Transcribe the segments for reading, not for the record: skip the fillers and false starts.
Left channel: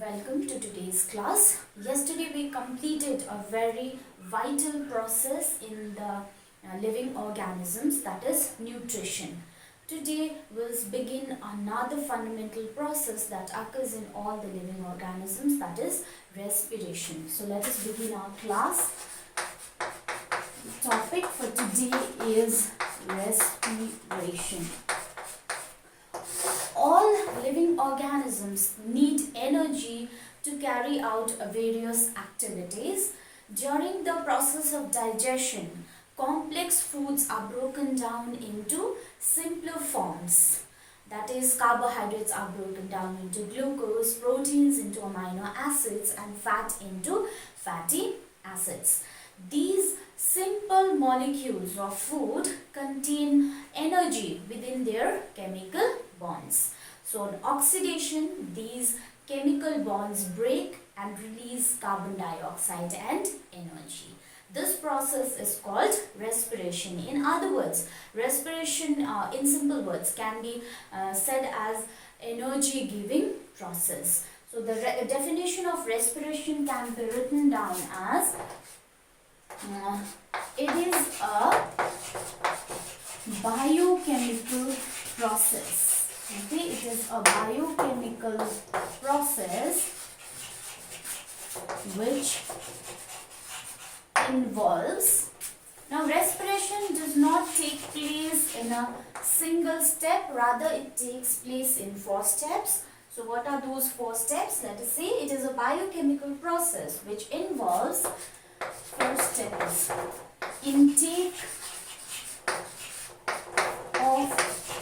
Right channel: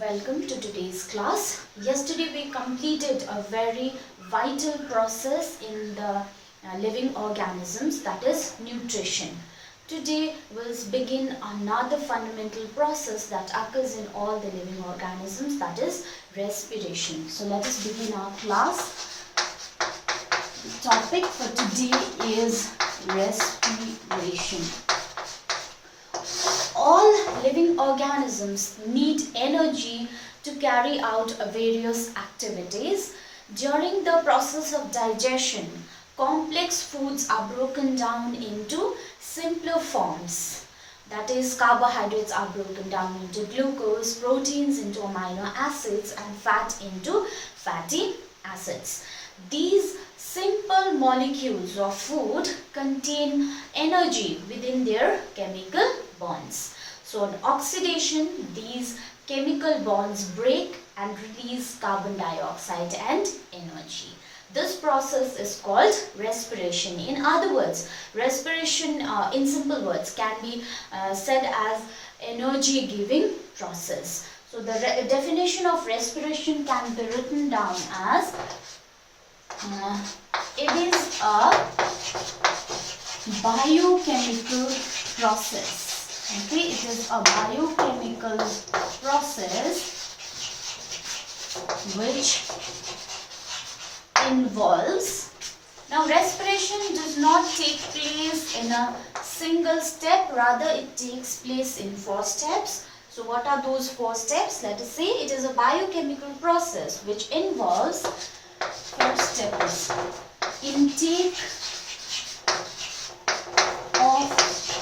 Welcome to today's class. Yesterday we completed a very vital process in the living organisms, that is nutrition. Today we'll begin another fundamental process that occurs in all the living organisms, that is respiration. So let us begin our class. The topic for today is respiration. All living organisms need energy to carry out various activities. During the process of digestion, complex foods are broken down into simpler forms. That is, carbohydrates are broken down into glucose, proteins into amino acids, and fat into fatty acids. These simple molecules of food contain energy within their chemical bonds. So on oxidation, these chemical bonds break and release carbon dioxide and energy. This process is called respiration. In other words, respiration in simple words can be said as energy giving process. So the definition of respiration can be written down as it is a biochemical process. Okay, it is a biochemical process which involves. Now, respiration does not take place in a single step, rather it takes place in 4 steps. So what are those 4 steps? Let us say it is a biochemical process which involves, first step is intake of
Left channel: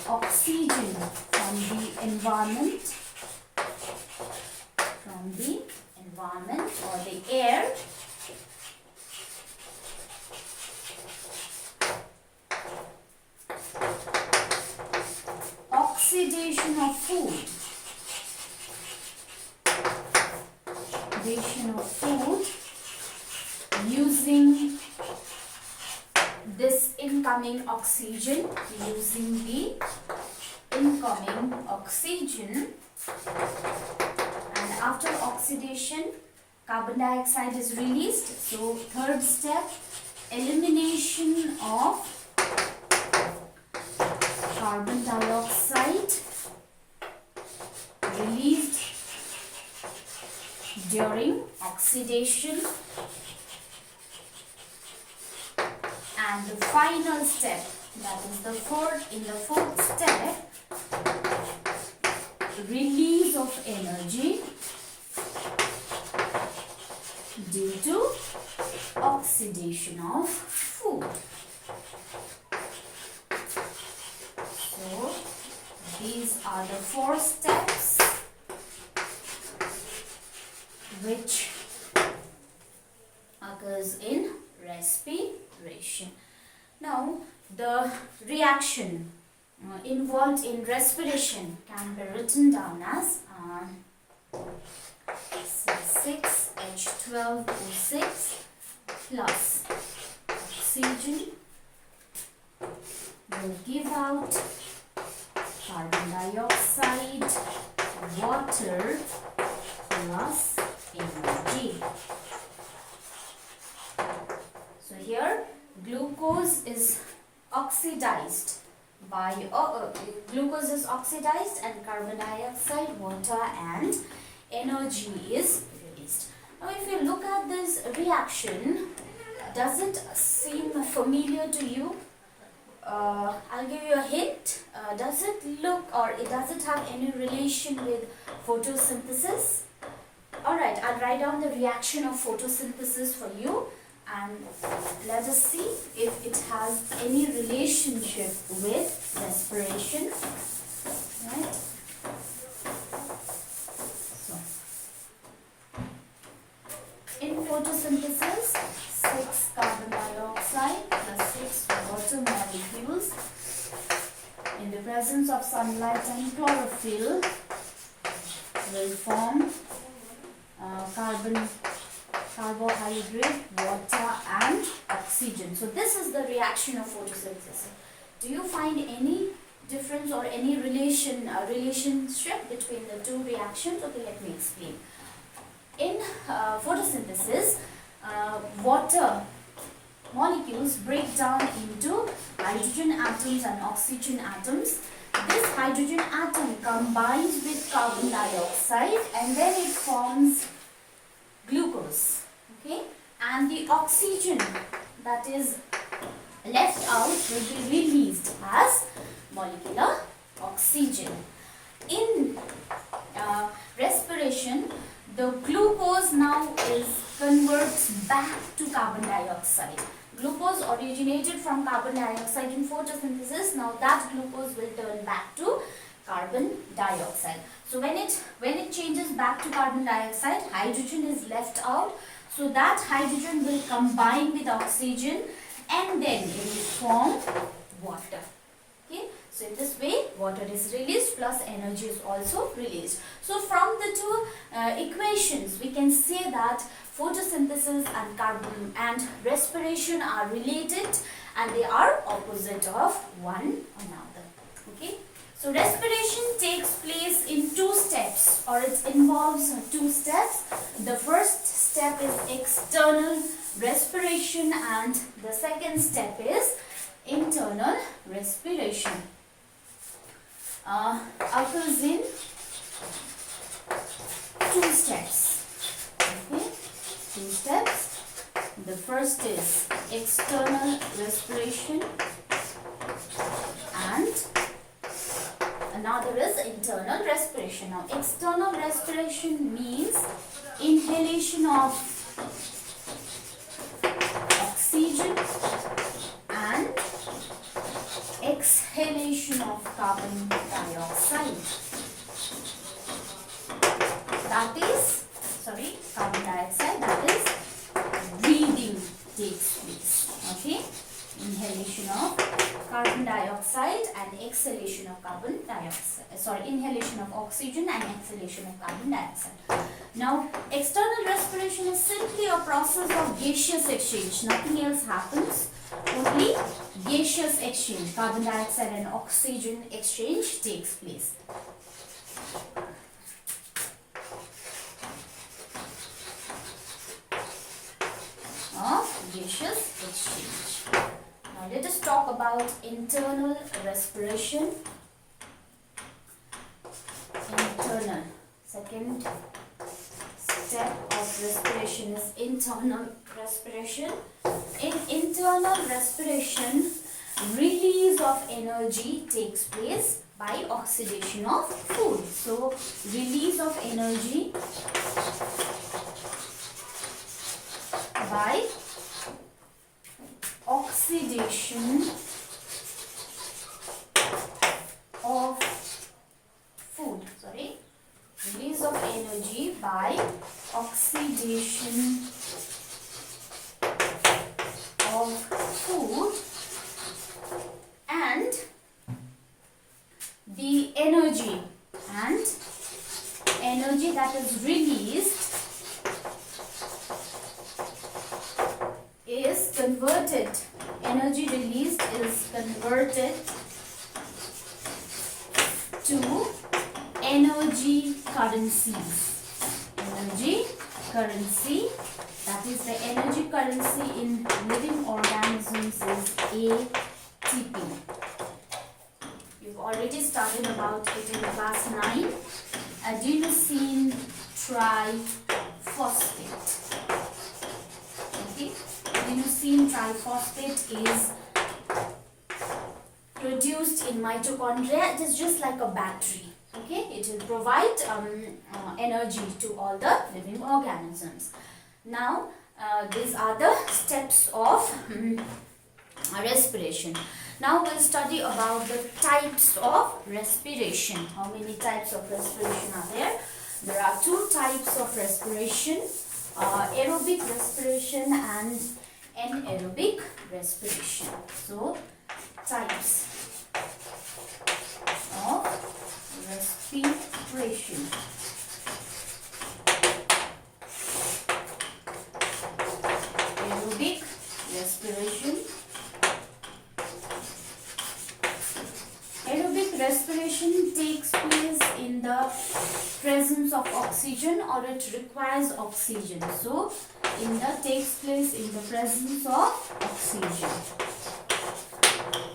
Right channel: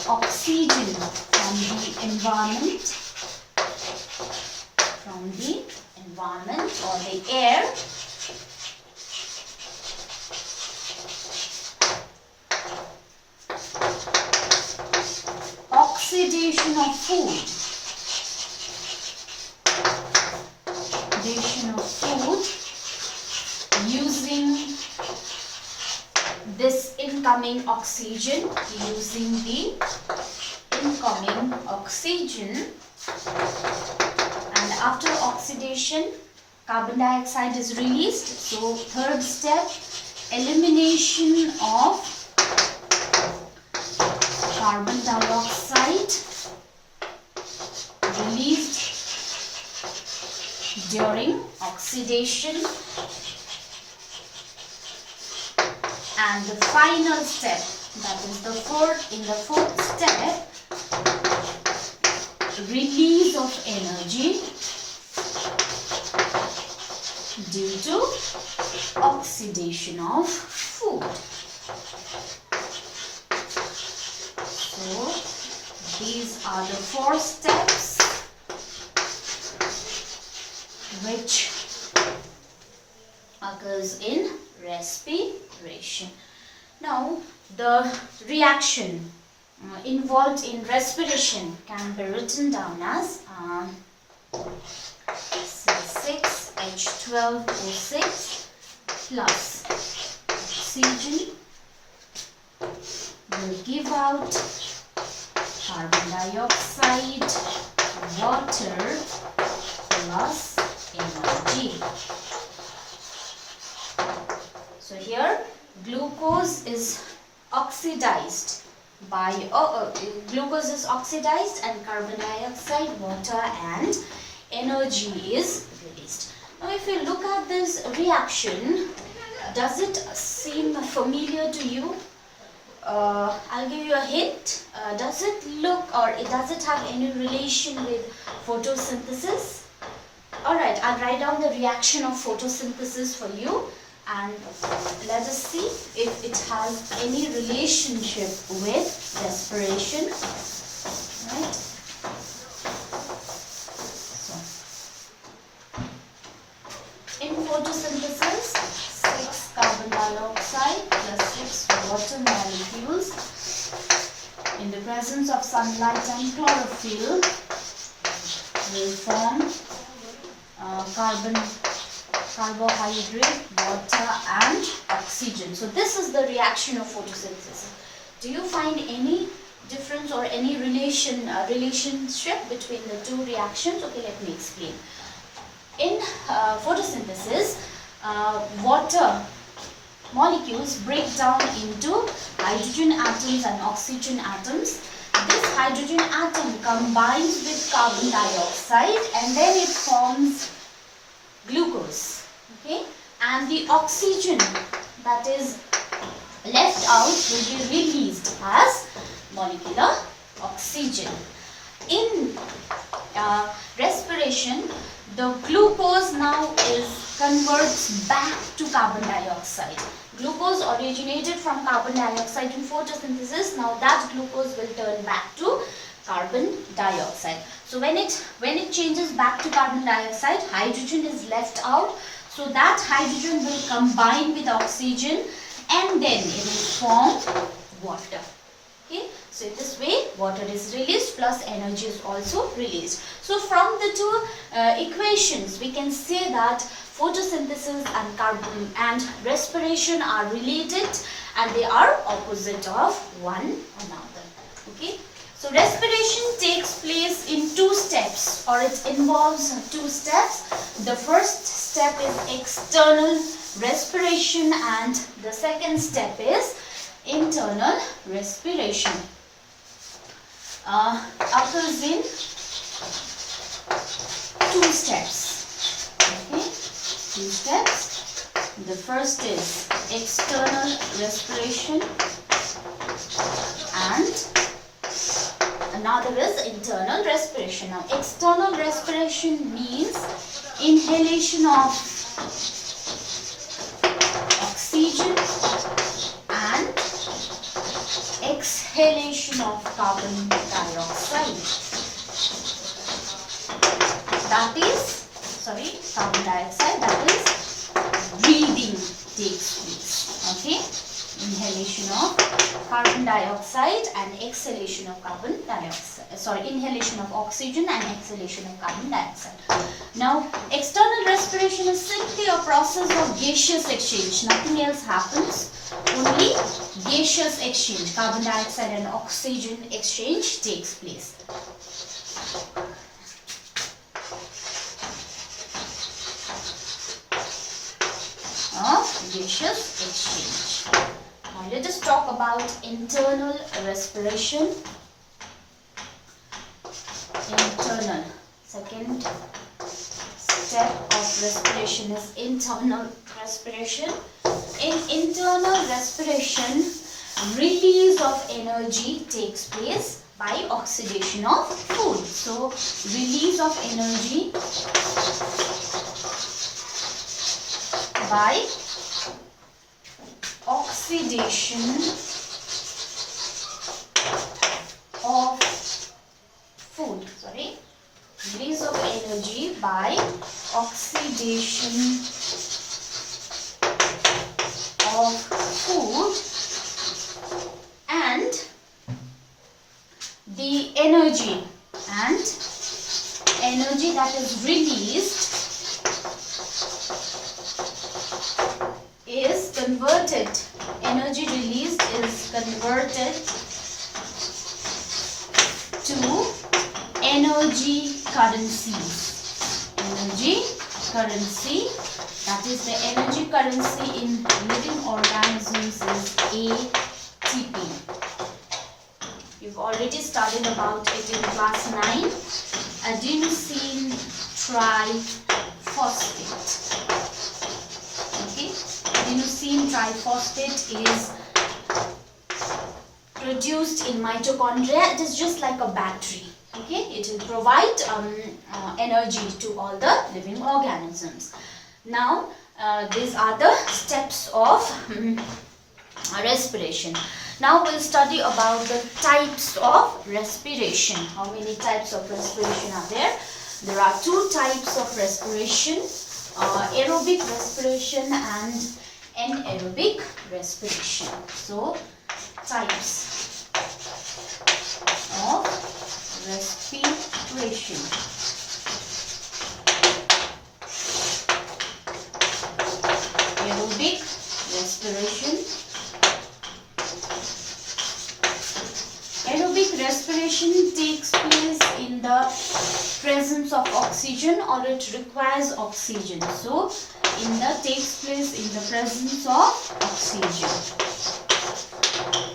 oxygen from the environment or the air, oxidation of food, using this incoming oxygen, and after oxidation carbon dioxide is released. So third step, elimination of carbon dioxide released during oxidation. And the final step, that is the fourth step, release of energy due to oxidation of food. So these are the 4 steps which occurs in respiration. Now, the reaction involved in respiration can be written down as C6H12O6 plus oxygen will give out carbon dioxide, water plus energy. So here glucose is oxidized and carbon dioxide, water and energy is released. Now if you look at this reaction, does it seem familiar to you? I'll give you a hint. Does it look or does it have any relation with photosynthesis? Alright, I'll write down the reaction of photosynthesis for you. And let us see if it has any relationship with respiration. Right? So, in photosynthesis, 6 carbon dioxide plus 6 water molecules in the presence of sunlight and chlorophyll will form carbohydrate, water and oxygen. So this is the reaction of photosynthesis. Do you find any difference or any relationship between the two reactions? Okay, let me explain. In photosynthesis, water molecules break down into hydrogen atoms and oxygen atoms. This hydrogen atom combines with carbon dioxide and then it forms glucose. Okay, and the oxygen that is left out will be released as molecular oxygen. In respiration, the glucose now converts back to carbon dioxide. Glucose originated from carbon dioxide in photosynthesis. Now that glucose will turn back to carbon dioxide. So when it changes back to carbon dioxide, hydrogen is left out. So that hydrogen will combine with oxygen and then it will form water. Okay, so this way water is released plus energy is also released. So from the two equations we can say that photosynthesis and carbon and respiration are related and they are opposite of one another. Okay, so respiration takes place in two steps, or it involves two steps. The first step is external respiration and the second step is internal respiration. Occurs in two steps. Okay, two steps. The first is external respiration and another is internal respiration. Now, external respiration means inhalation of oxygen and exhalation of carbon dioxide. That is, carbon dioxide, that is breathing takes place. Okay, inhalation of carbon dioxide and exhalation of carbon dioxide. Inhalation of oxygen and exhalation of carbon dioxide. Now, external respiration is simply a process of gaseous exchange. Nothing else happens. Only gaseous exchange, carbon dioxide and oxygen exchange takes place. Gaseous exchange. Now let us talk about internal respiration. Internal. Second step of respiration is internal respiration. In internal respiration, release of energy takes place by oxidation of food. So, release of energy by oxidation of food. Release of energy by oxidation of food, and the energy that is released is converted. Energy released is converted to energy currencies. Energy currency, that is the energy currency in living organisms, is ATP. You've already studied about it in class 9. Adenosine triphosphate. Okay, adenosine triphosphate is produced in mitochondria. It is just like a battery. Okay, it will provide energy to all the living organisms. Now, these are the steps of respiration. Now we'll study about the types of respiration. How many types of respiration are there? There are two types of respiration, aerobic respiration and anaerobic respiration. So, types of respiration. Aerobic respiration. Aerobic respiration takes place in the presence of oxygen or it requires oxygen. So takes place in the presence of oxygen.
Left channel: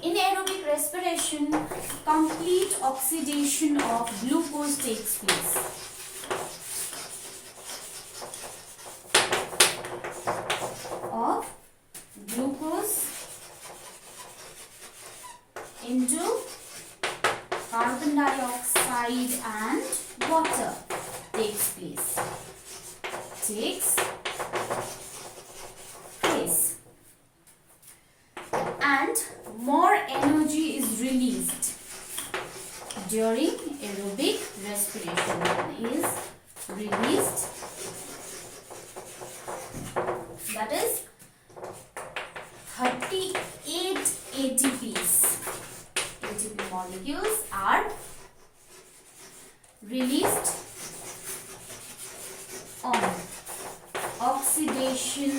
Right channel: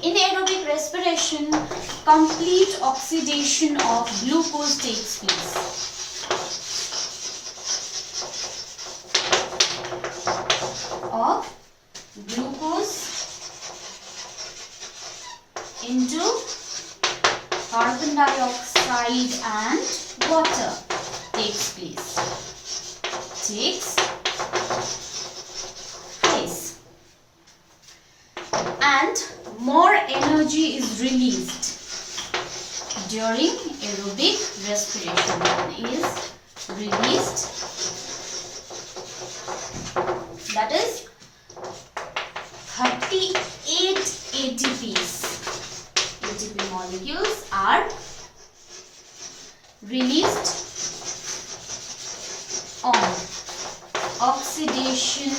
In aerobic respiration, complete oxidation of glucose takes place. Of glucose into carbon dioxide and water takes place. And more energy is released during aerobic respiration. That is 38 ATPs. ATP molecules are released on oxidation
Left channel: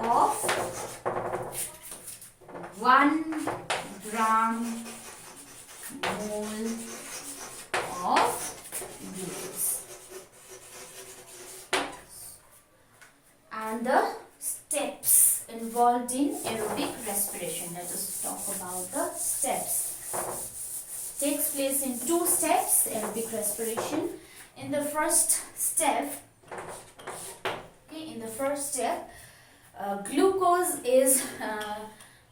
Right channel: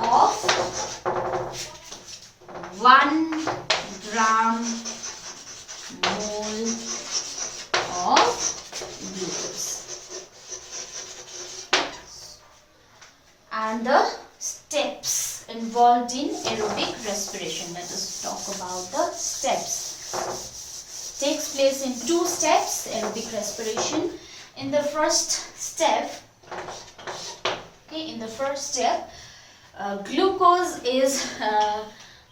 of 1 gram mole of glucose. And the steps involved in aerobic respiration. Let us talk about the steps. Takes place in 2 steps, aerobic respiration. In the first step, glucose is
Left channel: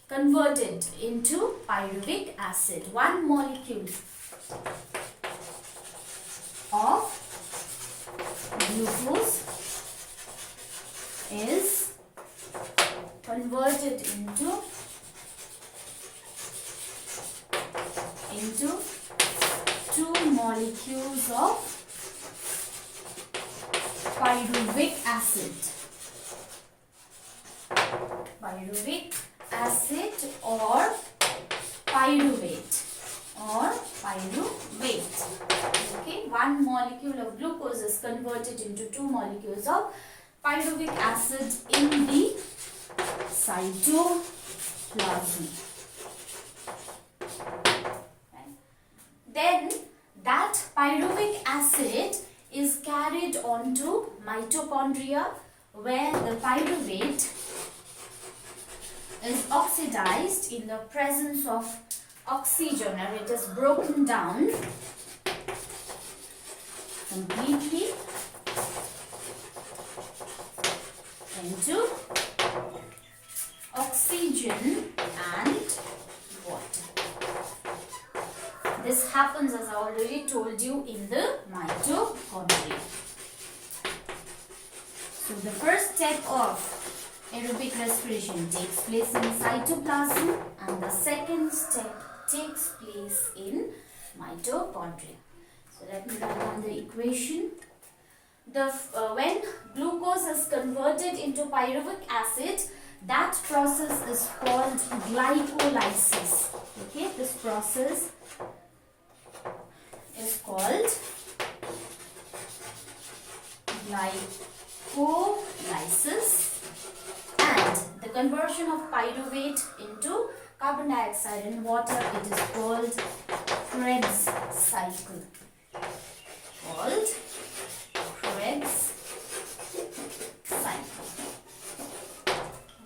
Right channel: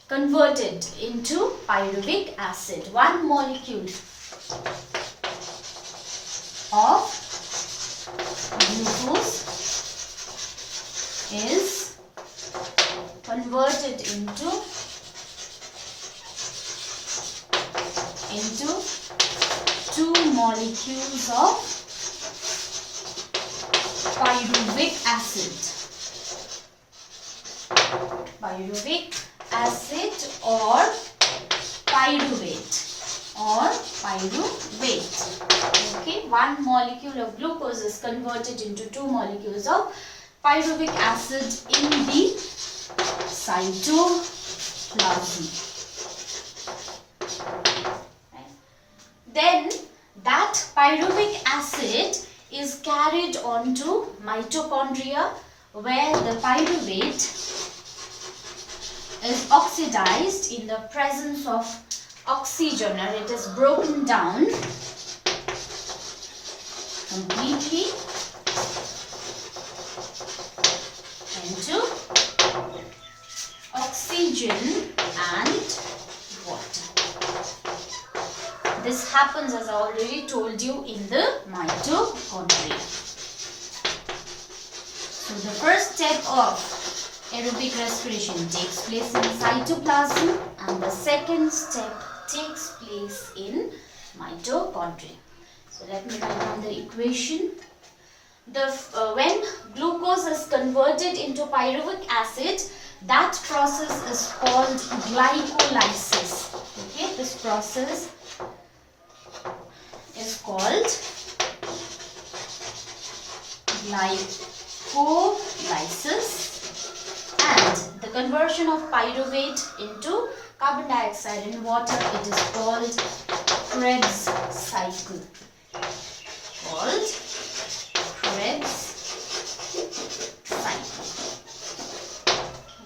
converted into pyruvic acid. 1 molecule of glucose is converted into 2 molecules of pyruvic acid. Pyruvic acid or pyruvate Okay, 1 molecule of glucose is converted into 2 molecules of pyruvic acid in the cytoplasm. Then that pyruvic acid is carried on to mitochondria, where the pyruvate is oxidized in the presence of oxygen, and it is broken down completely into oxygen and water. This happens, as I already told you, in the mitochondria. So the first step of aerobic respiration takes place in cytoplasm, and the second step takes place in mitochondria. So let me write down the equation. When glucose is converted into pyruvic acid, that process is called glycolysis. Okay, this process is called glycolysis, and the conversion of pyruvate into carbon dioxide and water, it is called Krebs cycle.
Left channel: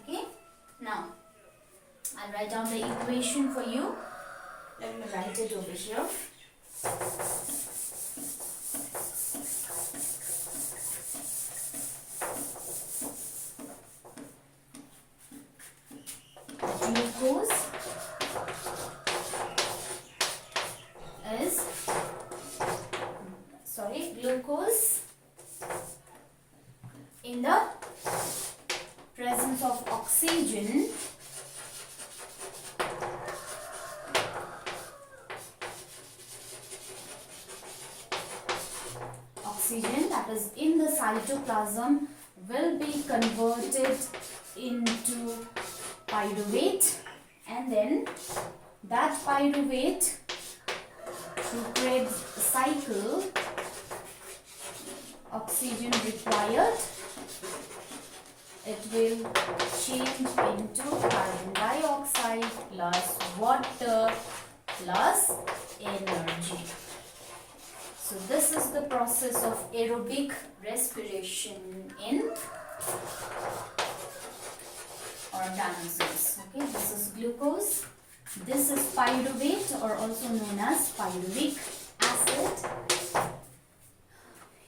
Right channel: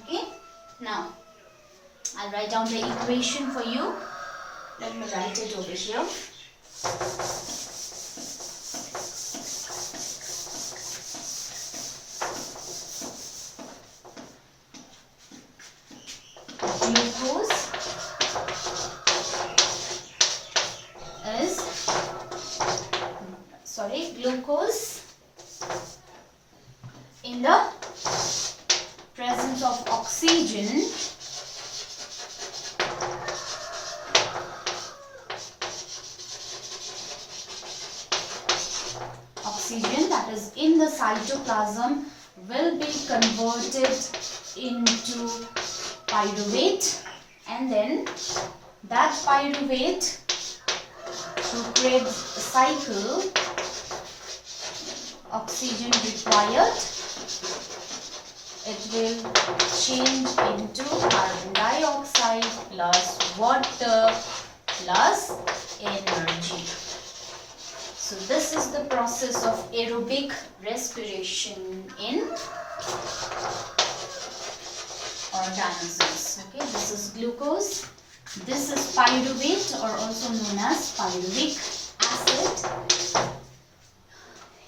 Okay, now I'll write down the equation for you. Let me write it over here. Glucose in the presence of oxygen that is in the cytoplasm will be converted into pyruvate, and then that pyruvate through Krebs cycle, oxygen required, it will change into carbon dioxide plus water plus energy. So this is the process of aerobic respiration in organisms. Okay, this is glucose. This is pyruvate, or also known as pyruvic acid.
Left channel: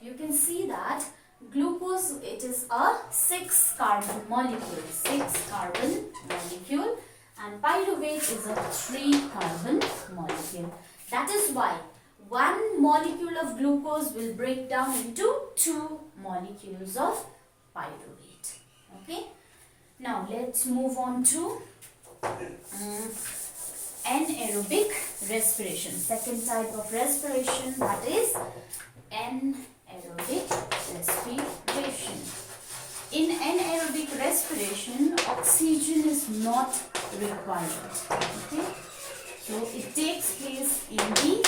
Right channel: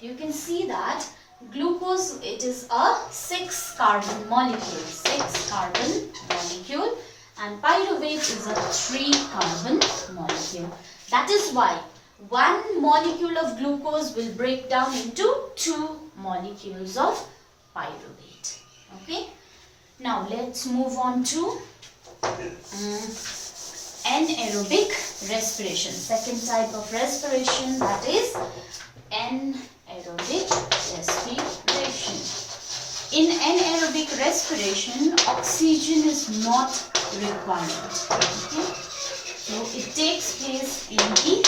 You can see that glucose, it is a 6 carbon molecule, and pyruvate is a 3 carbon molecule. That is why one molecule of glucose will break down into 2 molecules of pyruvate. Okay. Now let's move on to anaerobic respiration. Second type of respiration, that is anaerobic respiration. In anaerobic respiration, oxygen is not required. Okay? So it takes place in the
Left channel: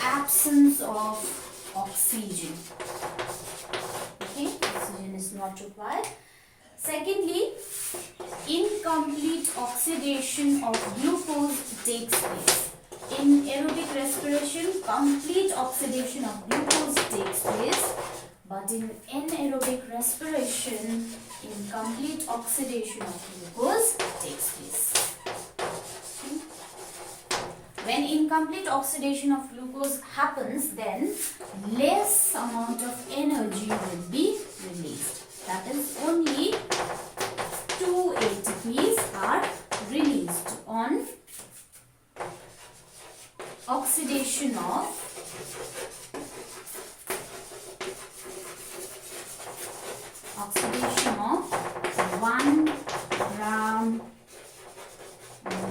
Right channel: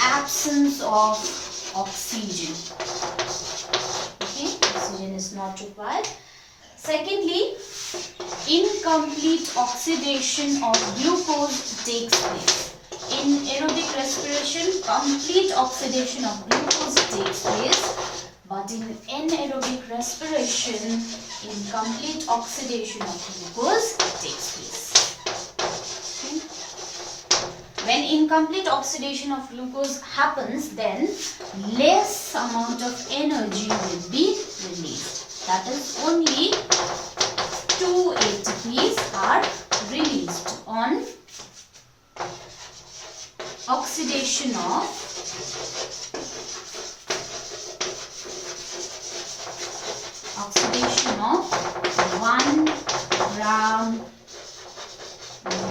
absence of oxygen. Okay? Oxygen is not required. Secondly, incomplete oxidation of glucose takes place. In aerobic respiration, complete oxidation of glucose takes place, but in anaerobic respiration, incomplete oxidation of glucose takes place. Okay. When incomplete oxidation of glucose happens, then less amount of energy will be released. That is, only 2 ATPs are released on oxidation of oxidation of 1 gram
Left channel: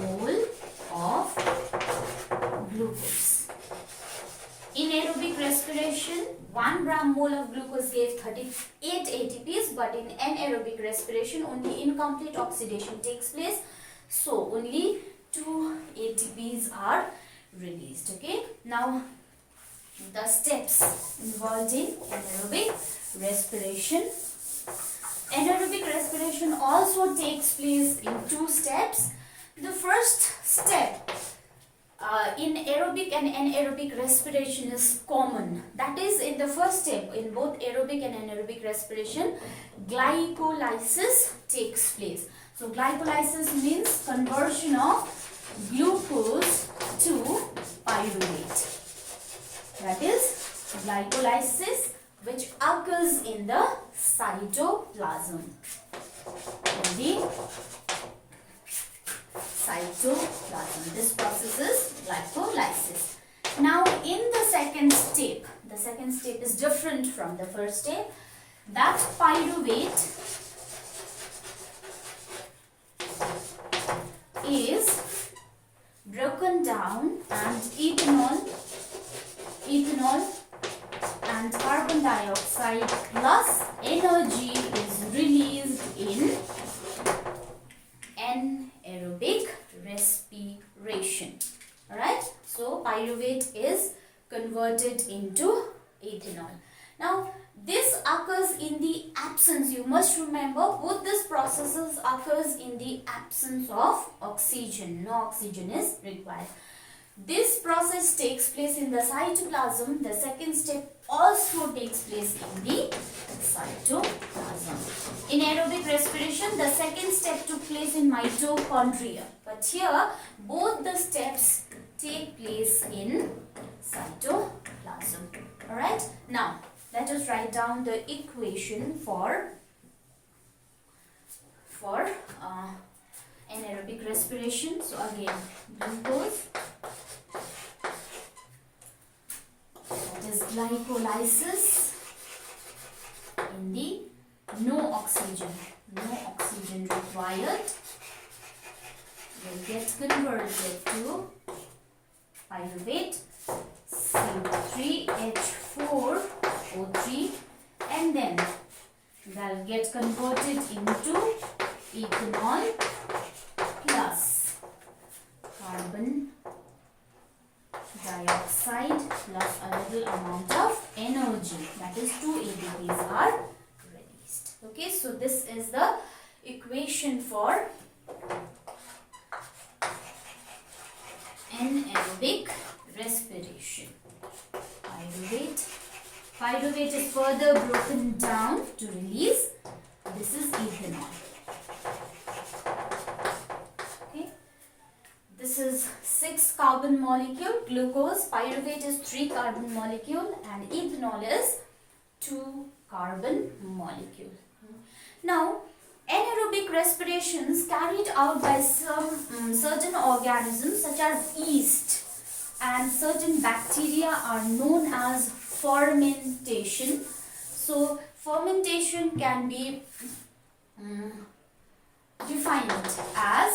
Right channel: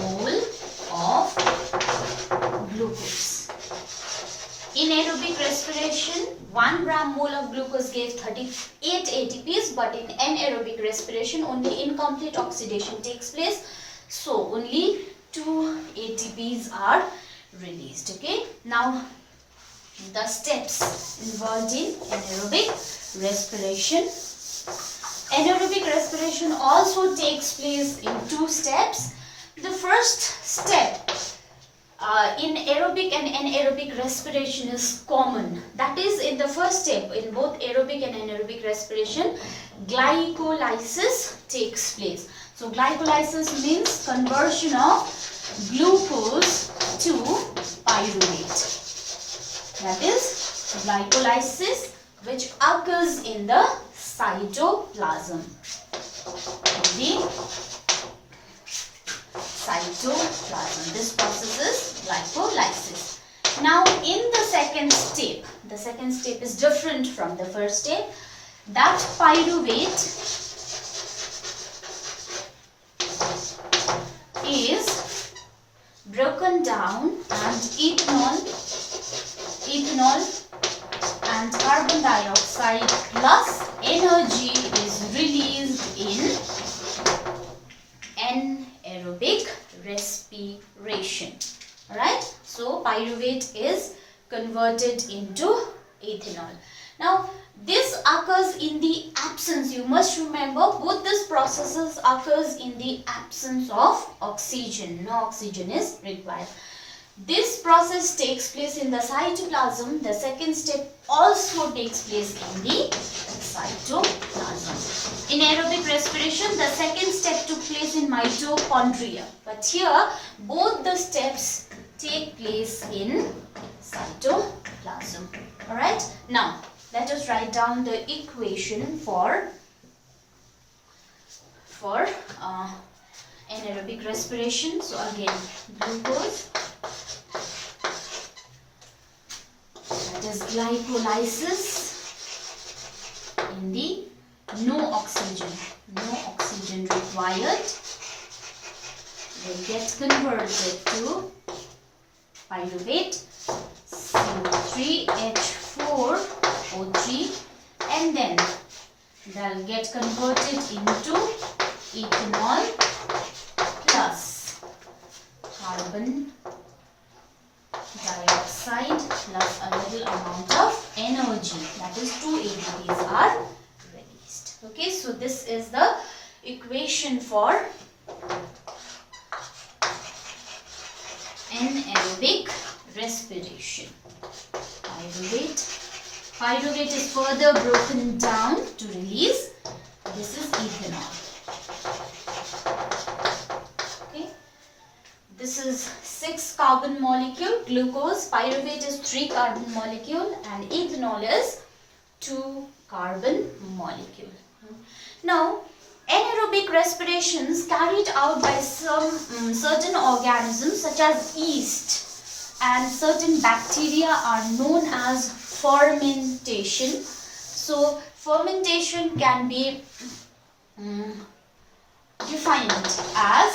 mole of glucose. In aerobic respiration, 1 gram mole of glucose gave 38 ATPs, but in anaerobic respiration, only incomplete oxidation takes place. So, only 2 ATPs are released. Okay. Now, the steps involved in anaerobic respiration. Anaerobic respiration also takes place in 2 steps. The first step in aerobic and anaerobic respiration is common. That is, in the first step, in both aerobic and anaerobic respiration, glycolysis takes place. So, glycolysis means conversion of glucose to pyruvate. That is glycolysis, which occurs in the cytoplasm. This process is glycolysis. Now, in the second step is different from the first step. That pyruvate is broken down, and ethanol and carbon dioxide plus energy is released in anaerobic respiration. Alright, so pyruvate is converted into ethanol. Now, this occurs in the absence, you must remember, both these processes occurs in the absence of oxygen. No oxygen is required. This process takes place in the cytoplasm. The second step also takes place in the cytoplasm. In aerobic respiration, the second step took place in mitochondria. But here, both the steps take place in cytoplasm. Alright, now let us write down the equation for anaerobic respiration. So again, glucose, that is glycolysis, in the no oxygen required, will get converted to pyruvate, CO3H4O3, and then they'll get converted into ethanol plus carbon dioxide plus a little amount of energy, that is 2 ATPs are released. Okay, so this is the equation for anaerobic respiration. Pyruvate. Pyruvate is further broken down to release. This is ethanol. Okay. This is 6 carbon molecule. Glucose. Pyruvate is 3 carbon molecule and ethanol is 2 carbon molecule. Now, anaerobic respirations carried out by some certain organisms such as yeast and certain bacteria are known as fermentation. So, fermentation can be defined as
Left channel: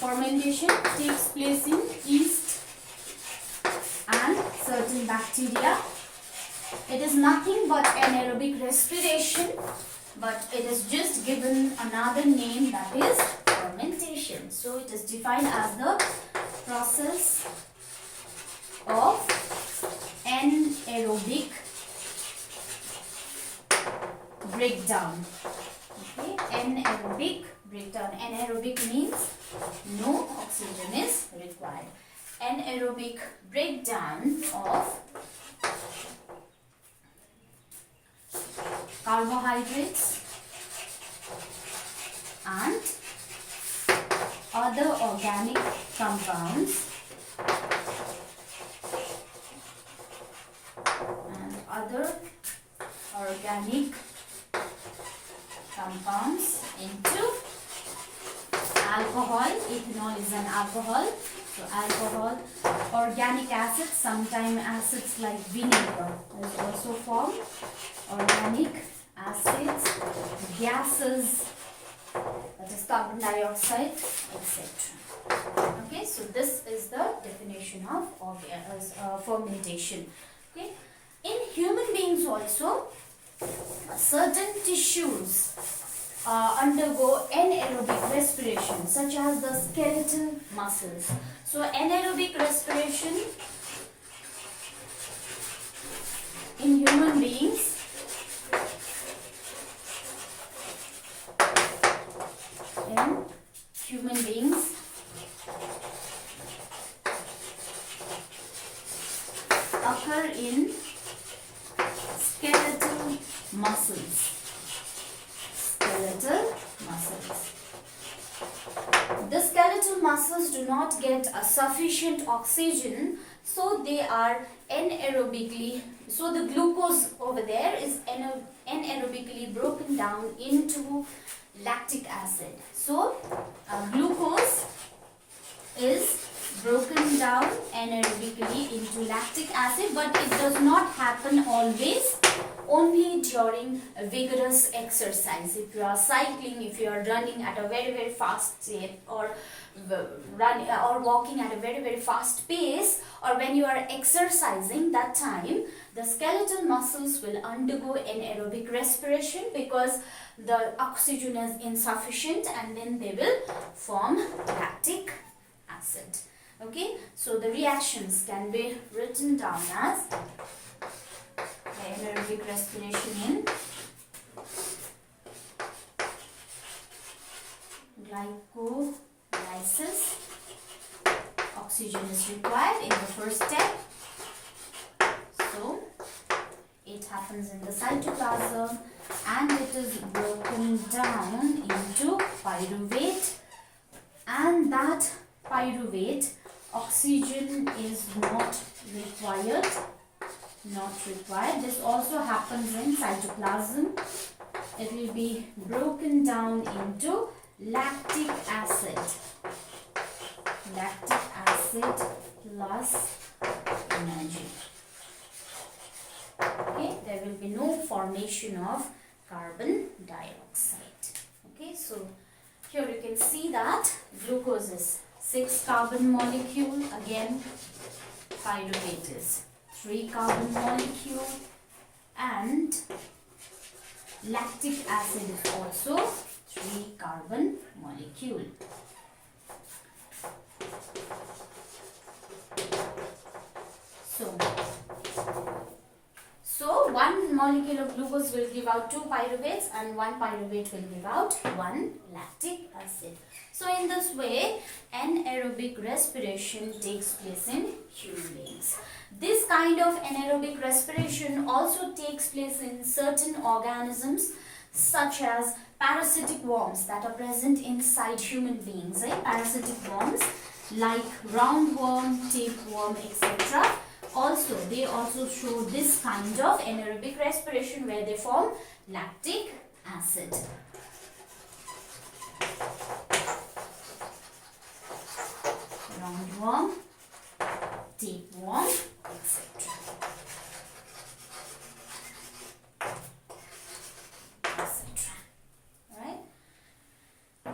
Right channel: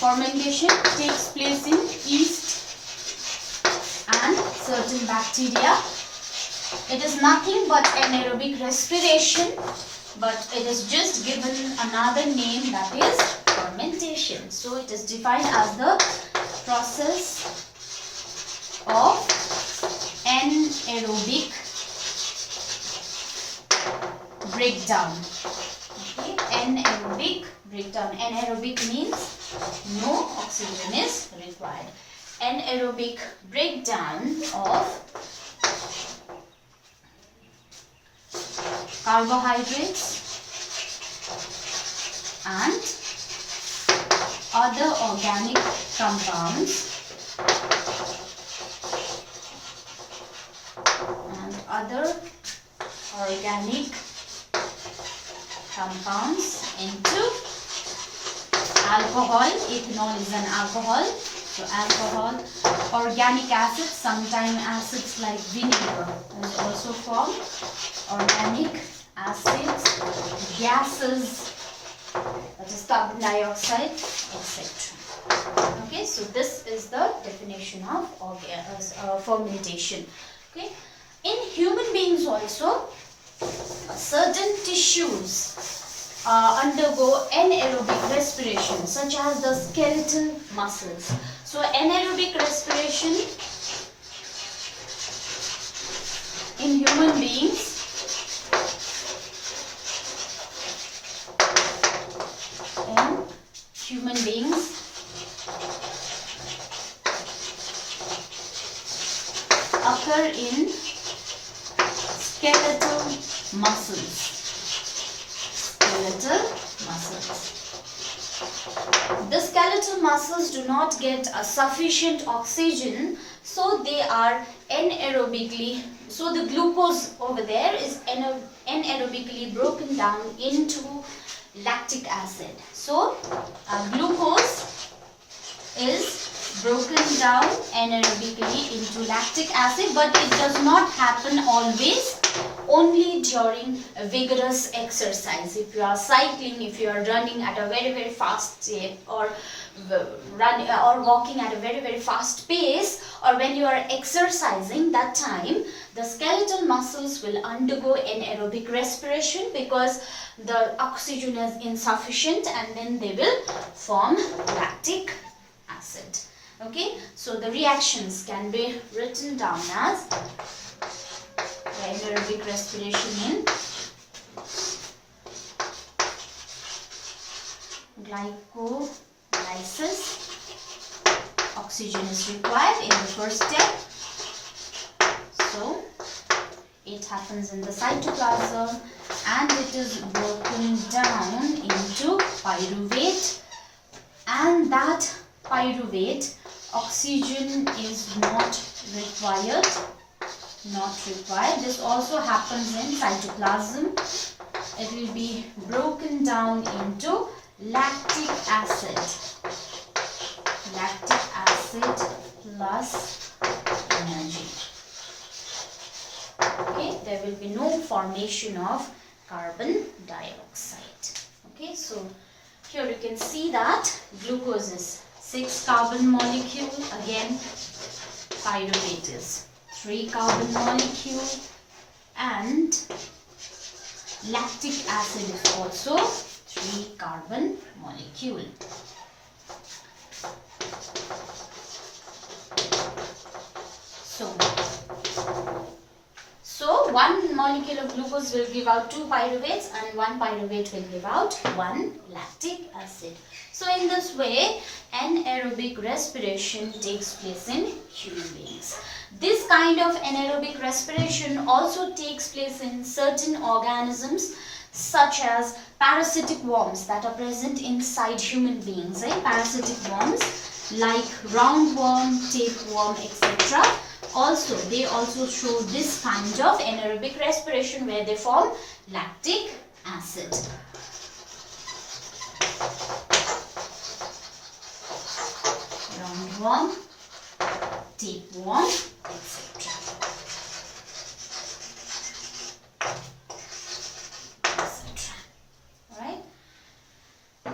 fermentation takes place in yeast and certain bacteria. It is nothing but anaerobic respiration, but it is just given another name, that is fermentation. So it is defined as the process of anaerobic breakdown. Okay, anaerobic breakdown. Anaerobic means no oxygen is required. Anaerobic breakdown of carbohydrates and other organic compounds into alcohol. Ethanol is an alcohol. So alcohol, organic acids, sometimes acids like vinegar is also formed. Organic acids, gases, that is carbon dioxide, etc. Okay, so this is the definition of fermentation. Okay, in human beings also, certain tissues undergo anaerobic respiration, such as the skeletal muscles. So anaerobic respiration in human beings occur in skeletal muscles. The skeletal muscles do not get a sufficient oxygen, so they are anaerobically, so the glucose over there is anaerobically broken down into lactic acid. So glucose is broken down anaerobically into lactic acid, but it does not happen always, only during a vigorous exercise. If you are cycling, if you are running at a very fast rate, or walking at a very fast pace, or when you are exercising, that time the skeletal muscles will undergo anaerobic respiration because the oxygen is insufficient, and then they will form lactic acid. Okay, so the reactions can be written down as anaerobic respiration in glycolysis. Oxygen is required in the first step. So it happens in the cytoplasm and it is broken down into pyruvate, and that pyruvate, oxygen is not required. This also happens in cytoplasm. It will be broken down into lactic acid. Lactic acid plus energy. Okay, there will be no formation of carbon dioxide. Okay, so here you can see that glucose is 6 carbon molecule, again pyruvate is 3 carbon molecule, and lactic acid is also 3 carbon molecule. So one molecule of glucose will give out 2 pyruvates and 1 pyruvate will give out 1 lactic acid. So in this way, anaerobic respiration takes place in human beings. This kind of anaerobic respiration also takes place in certain organisms such as parasitic worms that are present inside human beings. Parasitic worms like roundworm, tapeworm, etc. They also show this kind of anaerobic respiration where they form lactic acid. Roundworm, tapeworm, etc. Alright.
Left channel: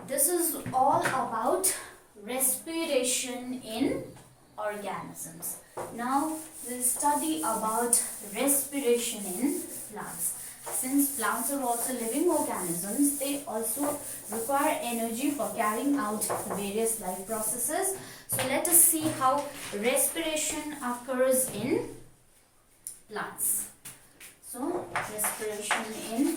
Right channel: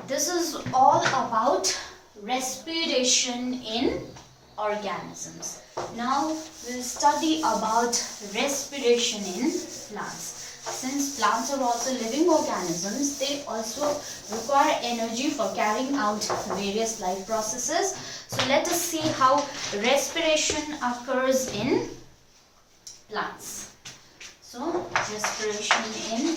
This is all about respiration in organisms. Now we'll study about respiration in plants. Since plants are also living organisms, they also require energy for carrying out various life processes. So let us see how respiration occurs in plants. So respiration in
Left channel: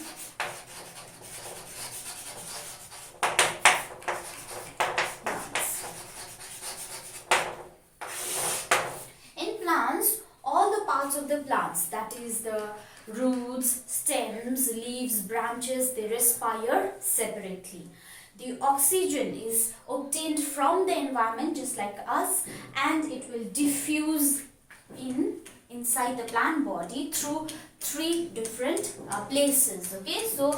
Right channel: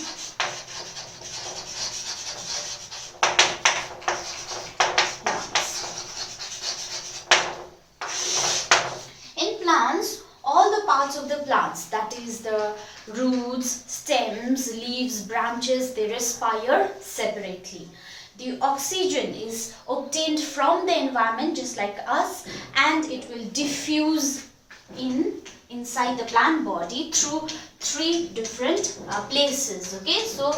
parts of the plants, that is the roots, stems, leaves, branches, they respire separately. The oxygen is obtained from the environment just like us, and it will diffuse inside the plant body through 3 different places. Okay, so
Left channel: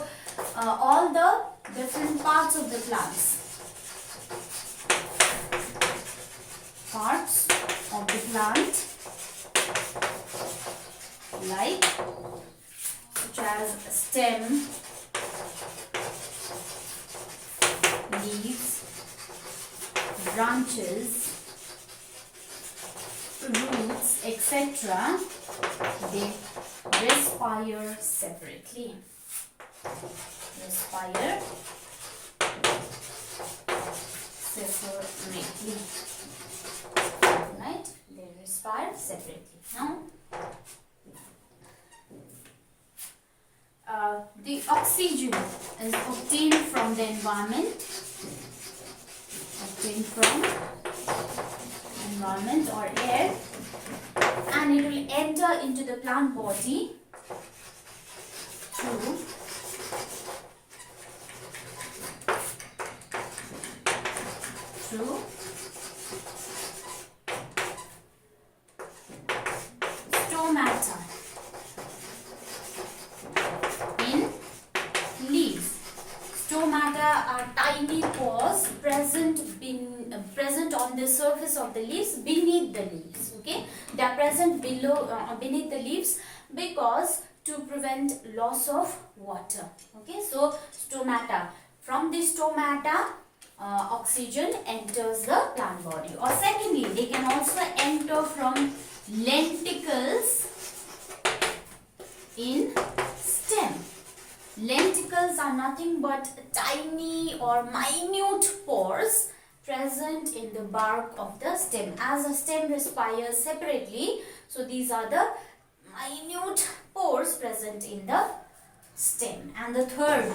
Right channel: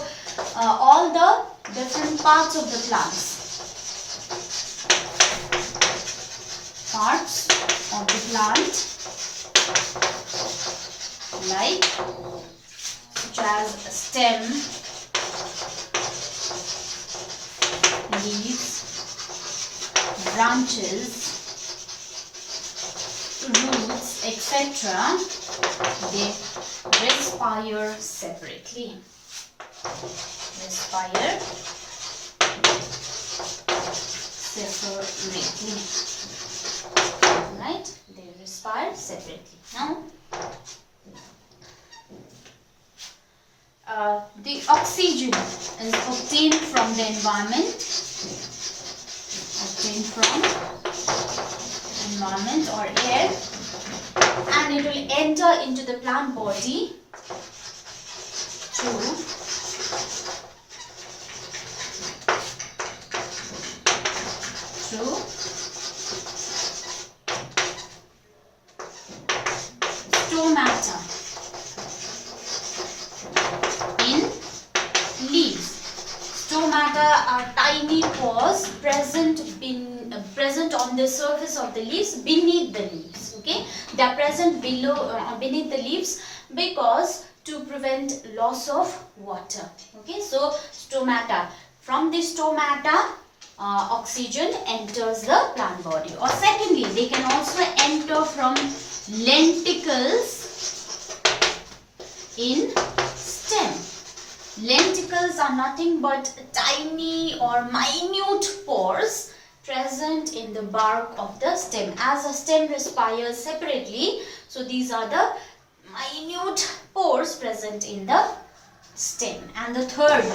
all the different parts of the plants, like such as stem, leaves, branches, roots, etc. they respire separately. Right? They respire separately. Now the oxygen is obtained from the environment, or air, and it will enter into the plant body through stomata in leaves. Stomata are tiny pores present on the surface of the leaves, beneath the leaves. Okay, they are present beneath the leaves because to prevent loss of water. Okay, so stomata. From the stomata, oxygen enters the plant body. Or secondly, they can also enter from lenticels in stem. Lenticels are nothing but tiny or minute pores present in the bark of the stem. As a stem respires separately, so these are the minute pores present in the stem. And the third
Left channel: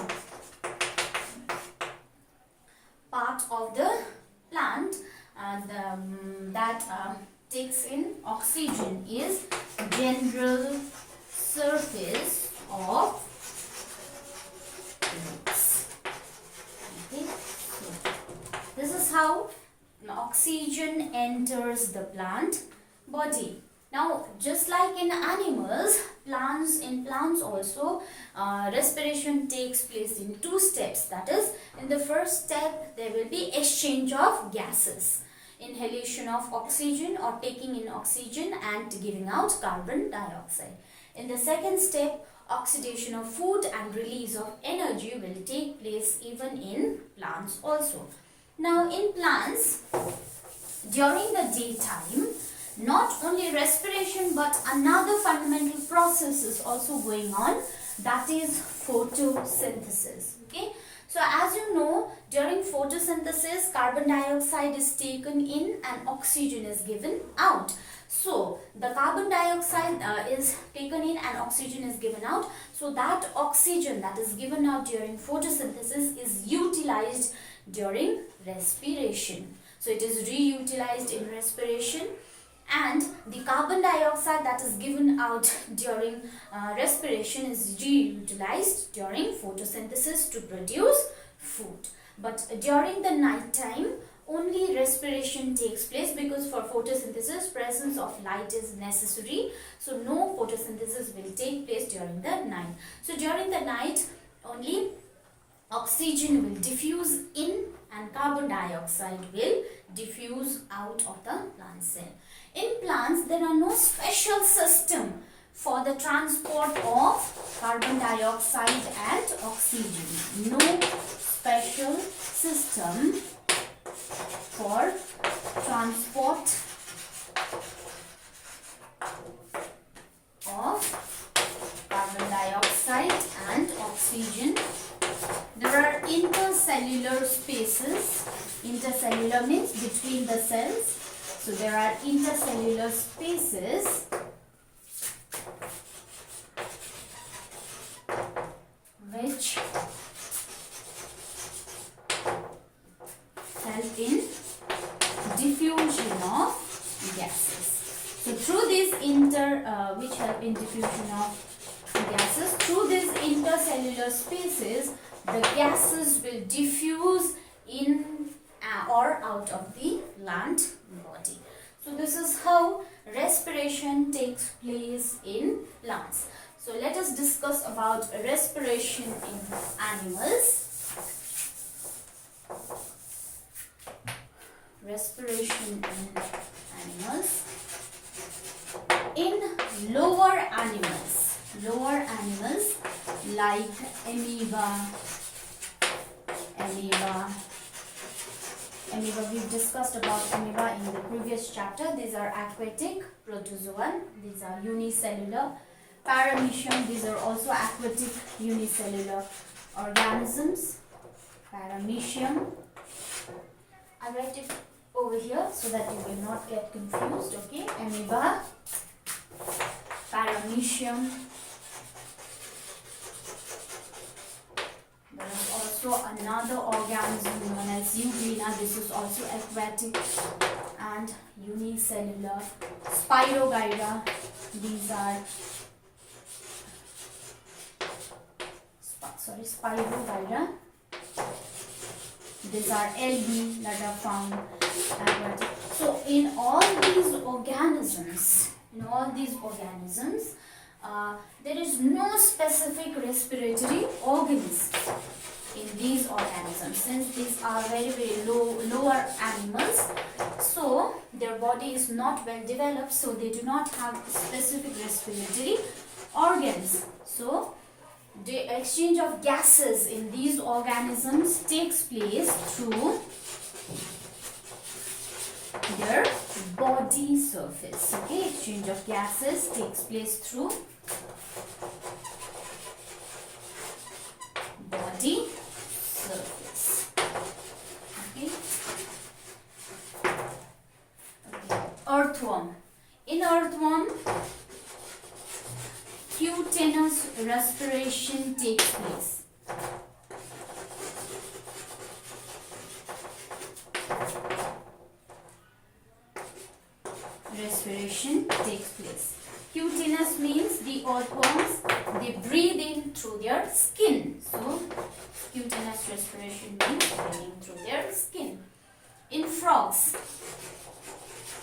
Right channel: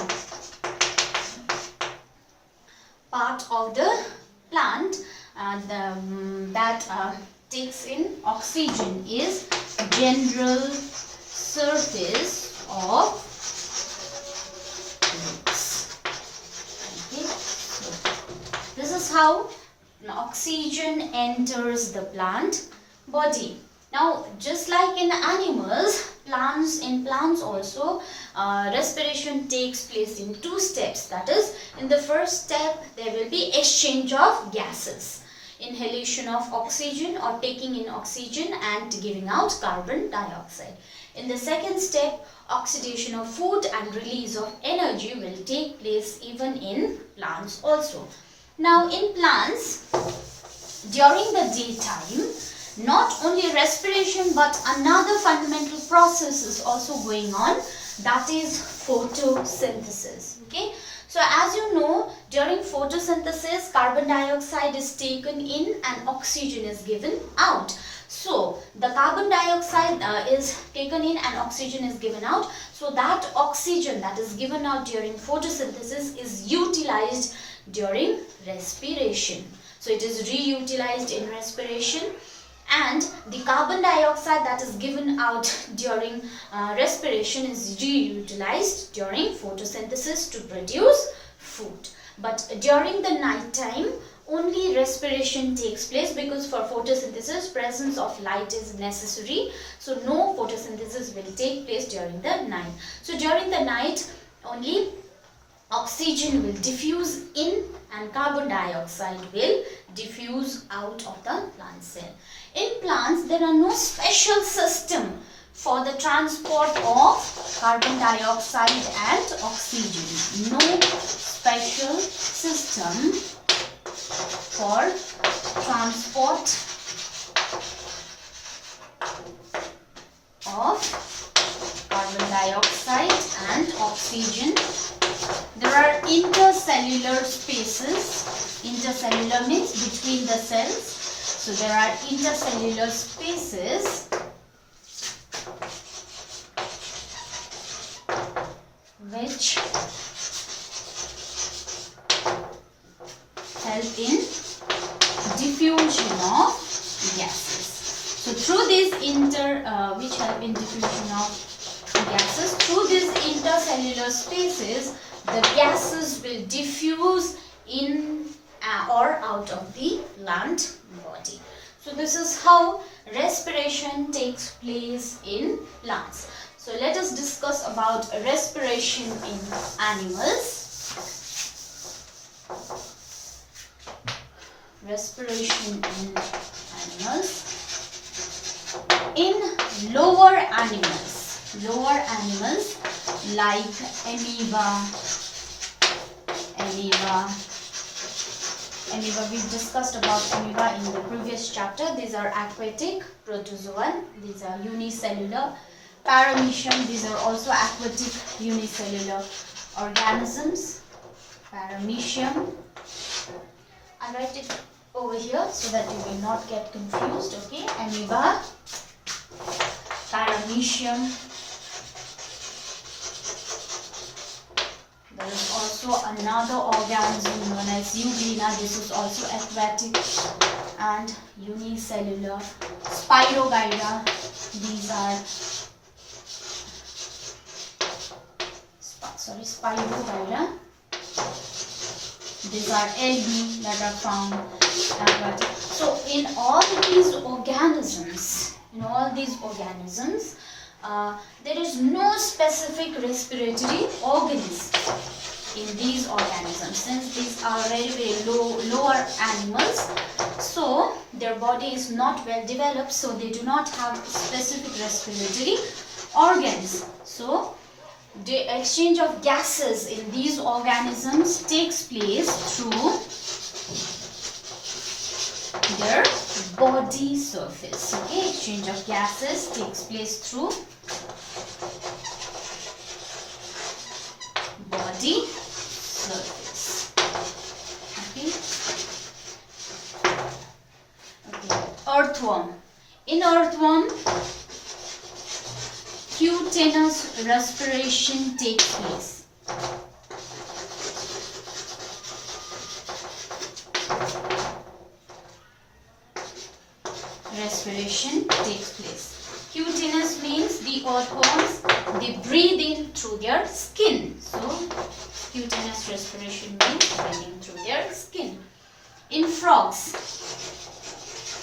part of the plant that takes in oxygen is general surface of roots. Okay, so this is how oxygen enters the plant body. Now, just like in animals, in plants also, respiration takes place in 2 steps. That is, in the first step, there will be exchange of gases. Inhalation of oxygen or taking in oxygen and giving out carbon dioxide. In the second step, oxidation of food and release of energy will take place even in plants also. Now, in plants, during the daytime, not only respiration but another fundamental process is also going on, that is photosynthesis. Okay, so as you know, during photosynthesis, carbon dioxide is taken in and oxygen is given out. So the carbon dioxide is taken in and oxygen is given out. So that oxygen that is given out during photosynthesis is utilized during respiration. So it is reutilized in respiration, and the carbon dioxide that is given out during respiration is reutilized during photosynthesis to produce food. But during the night time, only respiration takes place, because for photosynthesis presence of light is necessary. So no photosynthesis will take place during the night. So during the night only oxygen will diffuse in and carbon dioxide will diffuse out of the plant cell. In plants there are no special system for the transport of carbon dioxide and oxygen. No special system for transport of carbon dioxide and oxygen. There are intercellular spaces. Intercellular means between the cells. So there are intercellular spaces which help in diffusion of gases. So through these which help in diffusion of gases, through these intercellular spaces, the gases will diffuse in or out of the plant body. So this is how respiration takes place in plants. So let us discuss about respiration in animals. Respiration in animals. In lower animals like amoeba, we've discussed about amoeba in the previous chapter. These are aquatic protozoan, these are unicellular. Paramecium, these are also aquatic unicellular organisms. Paramecium, I write it over here so that you will not get confused. Okay, amoeba, paramecium. There is also another organism known as euglena. This is also aquatic and unicellular. Spirogyra, these are Spirogyra. These are algae that are found aquatic. So in all these organisms, there is no specific respiratory organism in these organisms. Since these are very lower animals, so their body is not well developed, so they do not have specific respiratory organs. So the exchange of gases in these organisms takes place through their body surface. Okay, exchange of gases takes place through body surface. Okay. Earthworm. In earthworm, cutaneous respiration takes place. Respiration takes place. Cutaneous means the earthworms, they breathe in through their skin. So cutaneous respiration means breathing through their skin. In frogs,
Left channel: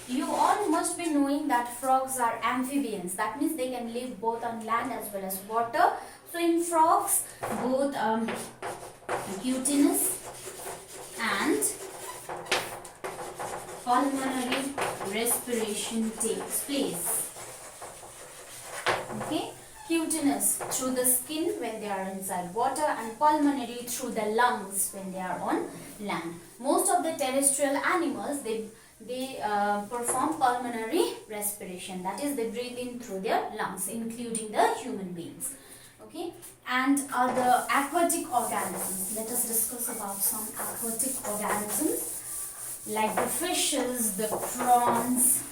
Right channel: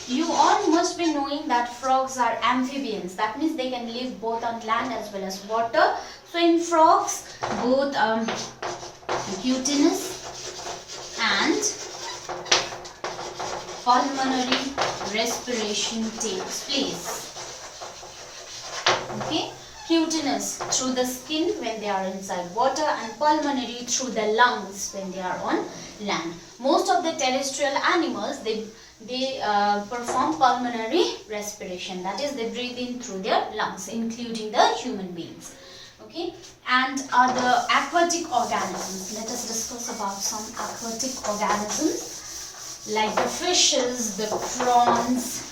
you all must be knowing that frogs are amphibians. That means they can live both on land as well as water. So in frogs, both cutaneous and pulmonary respiration takes place. Okay, cutaneous through the skin when they are inside water, and pulmonary through the lungs when they are on land. Most of the terrestrial animals, they perform pulmonary respiration. That is, they breathe in through their lungs, including the human beings. Okay, and the aquatic organisms. Let us discuss about some aquatic organisms like the fishes, the prawns,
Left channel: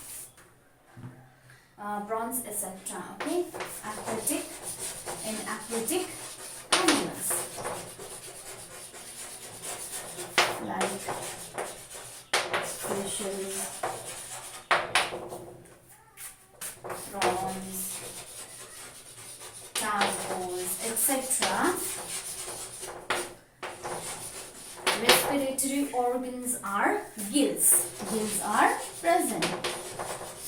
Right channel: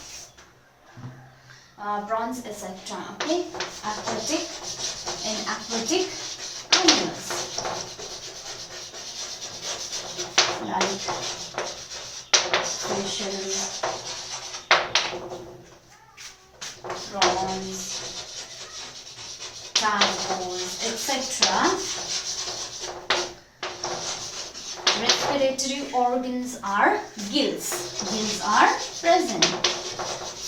prawns, etc. Okay, aquatic animals like fishes, prawns, tadpoles, etc. Respiratory organs are gills. Gills are present.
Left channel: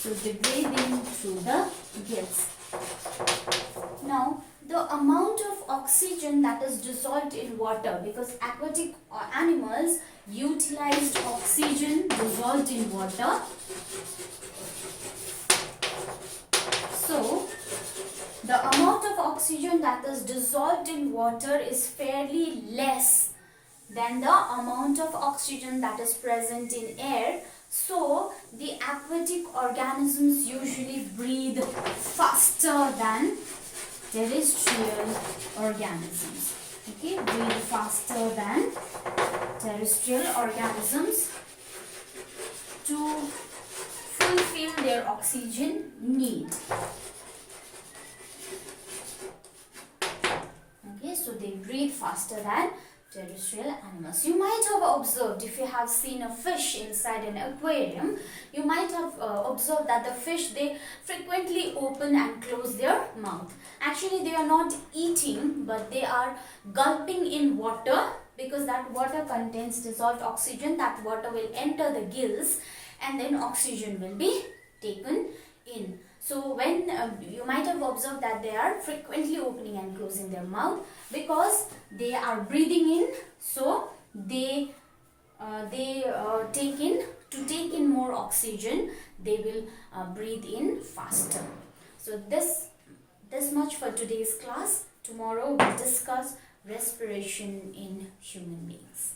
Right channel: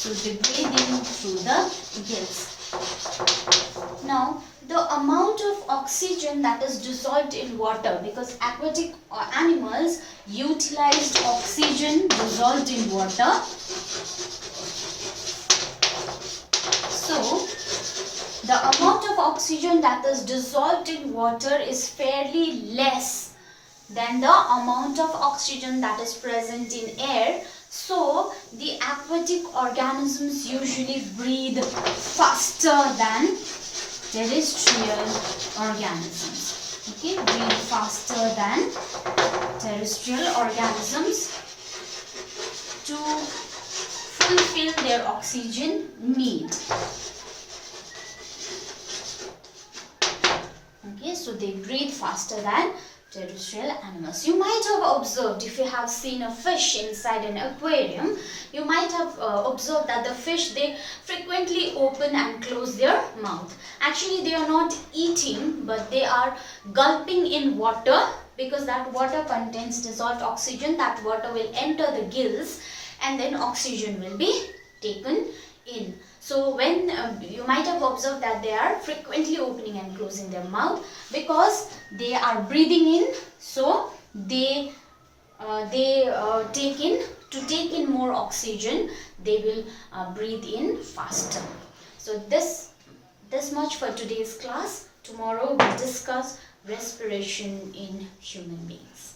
So they breathe in through the gills. Now, the amount of oxygen that is dissolved in water, because aquatic animals utilized oxygen dissolved in water. So, the amount of oxygen that is dissolved in water is fairly less than the amount of oxygen that is present in air. So, the aquatic organisms usually breathe faster than terrestrial organisms. Okay, breathe faster than terrestrial organisms to fulfill their oxygen need. Okay, so they breathe faster than terrestrial animals. You might have observed, if you have seen a fish inside an aquarium, you might have observed that the fish, they frequently open and close their mouth. Actually, they are not eating, but they are gulping in water, because that water contains dissolved oxygen. That water will enter the gills and then oxygen will be taken in. So when you might have observed that they are frequently opening and closing their mouth, because they are breathing in, so they take in more oxygen, they will breathe in faster. So this much for today's class. Tomorrow we'll discuss respiration in human beings.